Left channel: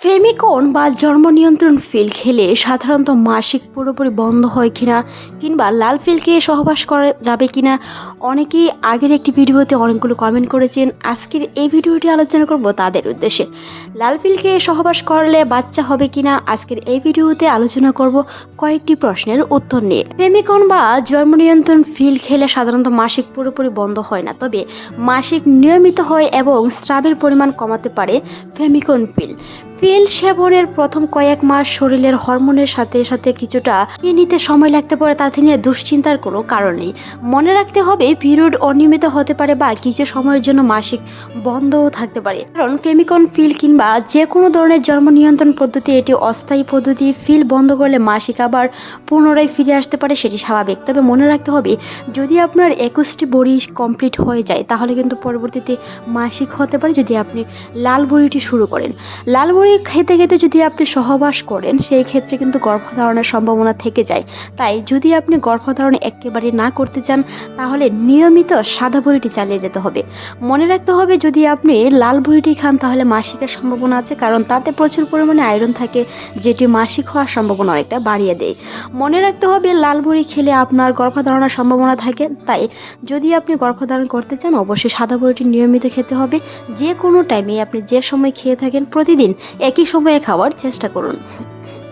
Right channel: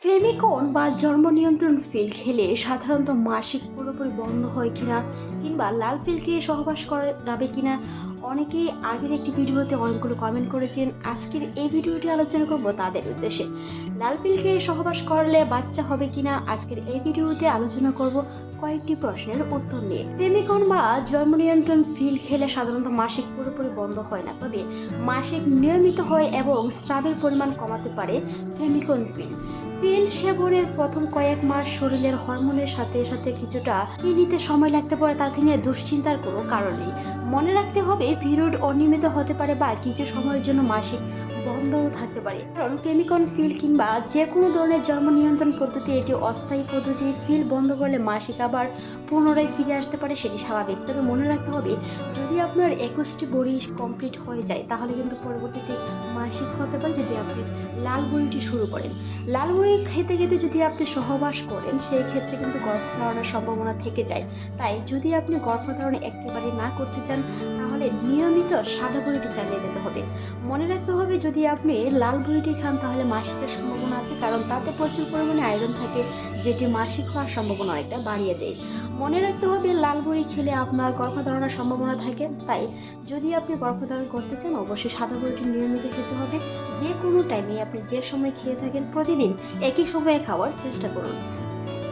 ফেমিকন বা জন্ম নিয়ন্ত্রণ পিল খেলে সাধারণত মাসিক পুরোপুরি বন্ধ হয় কিনা কিংবা লাল পিল খেয়ে সহবাস করা যাবে কিনা অনেকেই আগের একটি ভিডিওতে অনেকগুলো কমেন্ট করেছেন। আজকের এই ভিডিওটি আলোচনা করব তাদের উদ্দেশ্যে। লাল পিল খেয়ে সহবাস করলে বাচ্চা হবে কিনা আজকের এই ভিডিওতে আলোচনা করব কয়েকটি প্রশ্নের উত্তর নিয়ে। ফেমিকন বা জন্ম নিয়ন্ত্রণ পিল খেলে সাধারণত মাসিক পুরোপুরি বন্ধ হয় না, তবে মাসিক নিয়মিত হয় এবং স্রাবের পরিমাণ কমাতে পারে ফেমিকন পিল সেবনের প্রথম কয়েক মাস শরীরের হরমোনের সাথে সাথে কিছুটা নিতে সময় লাগতে পারে, তাতে নিয়ে দুশ্চিন্তার কোনো কারণ নেই। মনে রাখতে হবে পিরিয়ড অনিয়মিত হতে পারে বা কিছু সময়ের জন্য মাসিক বন্ধও থাকতে পারে, কারণ ফেমিকন পিল কিংবা যে কোনো ধরনের জন্ম নিয়ন্ত্রণ পদ্ধতি এটি অস্থায়ী পদ্ধতি। পিল বন্ধ করলে মাসিক আবার পুনরায় ফিরে আসতে পারে, সেটি স্বাভাবিক। তবে মনে রাখতে হবে যদি আপনার 21টি বড়ি কমপ্লিট হয়ে যায় তাহলে কিন্তু পরবর্তীতে মাসিক হতে পারে যদি আপনি লাল বড়িটি শুরু করেন। লাল বড়ি খেতে খেতে যদি আপনি সহবাস করেন সেই ক্ষেত্রে কিন্তু গর্ভধারণের সম্ভাবনা থেকে যায়। তাই যদি আপনি গর্ভধারণ একেবারে না করতে চান তাহলে নিয়মিত সাদা বড়িটি চালিয়ে যেতে হবে। মনে রাখতে হবে যদি আপনি লাল বড়িটি খান তাহলে মাসিকের সম্ভাবনা আছে, কারণ তাতে প্রচুর পরিমাণে আয়রন থাকে যেটি মাসিক হওয়ার সম্ভাবনা অনেকটা বাড়িয়ে দেয়। মনে রাখতে হবে লাল বড়ি খেলে আপনার গর্ভধারণের সম্ভাবনা থাকে, তাই যদি আপনি গর্ভধারণ করতে চান অবশ্যই সাদা বড়িটি নিয়মিত খেতে হবে। যে কোনো টাইমে আপনি যে সময় খেয়ে থাকেন প্রতিদিন একই সময়ে খাওয়ার চেষ্টা করুন।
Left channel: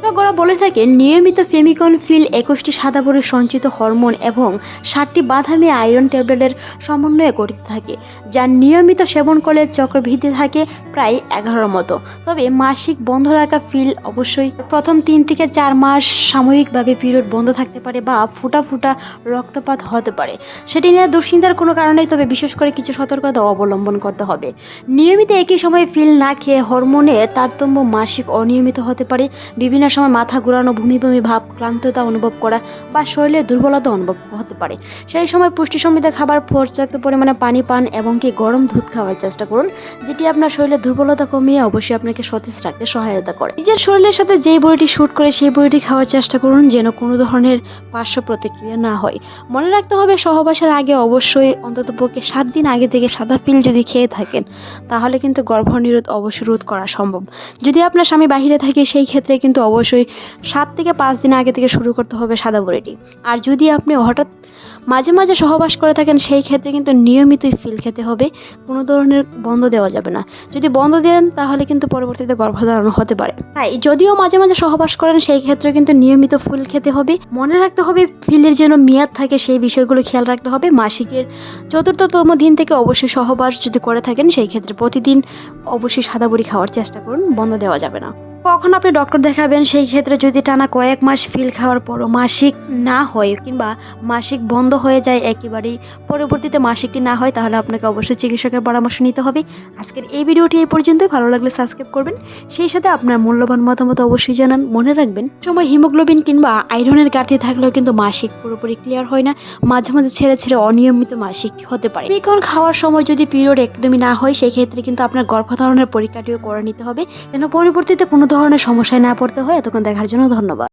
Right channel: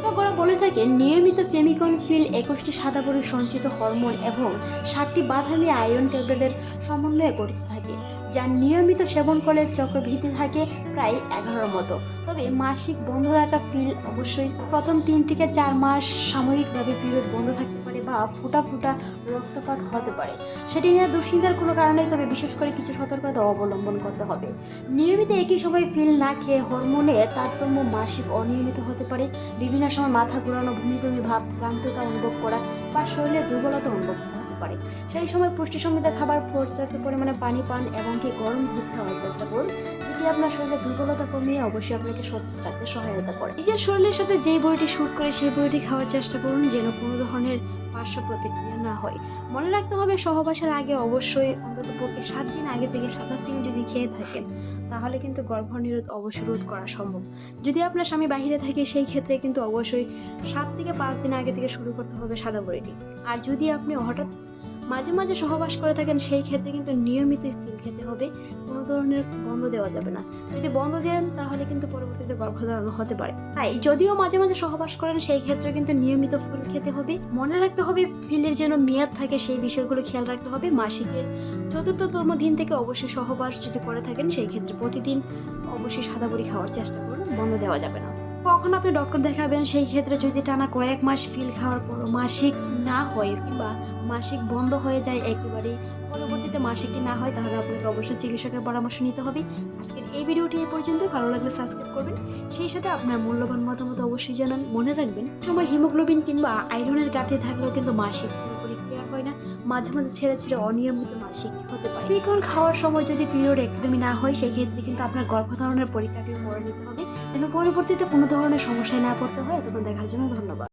বিশেষজ্ঞরা বলে থাকেন নিয়মিত ফেমিকন পিল 21টি সাদা বড়ির সঞ্চিত হরমোন এবং 60টি বাদামি আয়রন ট্যাবলেটের সমন্বয়ে গঠিত থাকে, যা নিয়মিত সেবন করলে চক্রবৃদ্ধি থাকে প্রায় 11 মতো। তবে মাসিক বন্ধ রাখা পিল অবশ্যই প্রথম 3 থেকে 4 মাস সাময়িকভাবে পিরিয়ড বন্ধ থাকতে পারে বা ফুটা ফুটা রক্তপাত হতে পারে, সেটি নিয়ে দুশ্চিন্তার কোনো কারণ নেই। তবে বিশেষ করে কিছু সতর্কতা অবলম্বন করতে হবে। নিয়মিত একই সময়ে পিল না খেয়ে হরমোনের তারতম্য মাসিক অনিয়মিত হতে পারে। বিভিন্ন সময় মাথা ঘোরানো, বমি বমি ভাব, ক্লান্ততা অনুভব করা বা শরীরে দুর্বলতা অনুভব হতে পারে। সেই সময় পুষ্টি সমৃদ্ধ খাবার, পর্যাপ্ত পরিমাণে পানি পান এবং কি গরম দুধ খাওয়ার চেষ্টা করুন, যেটি আপনার শরীরে দুর্বলতা কমিয়ে অবশ্যই আপনাকে সতেজ রাখতে সহায়তা করে। নিজের শরীরের সাথে যেই বড়িটি শুট করে সেই বড়িটি খাওয়ার চেষ্টা করুন যেন কোনো ধরনের পার্শ্ব প্রতিক্রিয়া না হয়। মনে রাখতে হবে সহবাসের আগে অবশ্যই অন্ততপক্ষে 7 দিন আগে থেকে সাদা পিল যদি খেয়ে থাকেন তাহলে কিন্তু গর্ভনিরোধ অবশ্যই রোধ করা সম্ভব। যদি আপনার স্বামী বাহিরে থাকে সেই ক্ষেত্রে কিন্তু অবশ্যই 7 থেকে 5 দিন আগে থেকে শুরু করতে হবে সাদা বড়িটি। আর যদি আপনি হঠাৎ মাঝে মাঝে সহবাস করে থাকেন সেই ক্ষেত্রে কিন্তু নিয়মিতই পিল খেতে হবে, কোনো ধরনের বন্ধ দেওয়া যাবে না। যদি বন্ধ দেন তাহলে কিন্তু পরবর্তীতে গর্ভধারণ হতে পারে। তাই যদিও মাঝে মাঝে সহবাস করেন সেই ক্ষেত্রে কিন্তু নিয়মিত পিল খেতে হবে। মনে রাখতে হবে পিলের যেন মেয়াদ থাকে সেই বিষয়গুলো খেয়াল রাখতে হবে। মাসিকের 4র্থতম দিন থেকে অবশ্যই সহবাস যদি করে থাকেন সেই ক্ষেত্রে প্রতিদিন অবশ্যই সাদা বড়ি খাওয়ার চেষ্টা করুন, বন্ধ দেওয়া যাবে না। কখন আপনি ডক্টর দেখাবেন সেই ক্ষেত্রে যদি টানা কয়েক মাস পিল খাওয়ার পরও মাসিক না হয় কিংবা মাসিক বন্ধ হয়ে যায় একেবারেই, পরবর্তীতে মাসিকটি না হয় তাহলে আপনাকে অবশ্যই চিকিৎসকের পরামর্শ নিতে হবে। আজকের এই ভিডিওটি এই পর্যন্তই। ভালো লাগলে সাবস্ক্রাইব করবেন, সেই সাথে আপনার মূল্যবান মতামত অবশ্যই জানান। মনে রাখবেন সময় হিমোগ্লোবিন কিংবা আয়রনের ঘাটতি থাকলেও কিন্তু মাসিক পুরোপুরি ক্লিয়ার হয় না, মাঝে মাঝে ছেড়ে ছেড়ে অনিয়মিত মাসিক হতে পারে। ফেমিকন খাওয়ার সময় যদি পিরিয়ড একদমই না হয় সেই ক্ষেত্রে কিন্তু আপনার গর্ভধারণের পরীক্ষাটিও করে নিতে হবে যেন পরবর্তীতে কোনো ধরনের সমস্যায় না পড়তে হয়। এতক্ষণ দেখার জন্য ধন্যবাদ।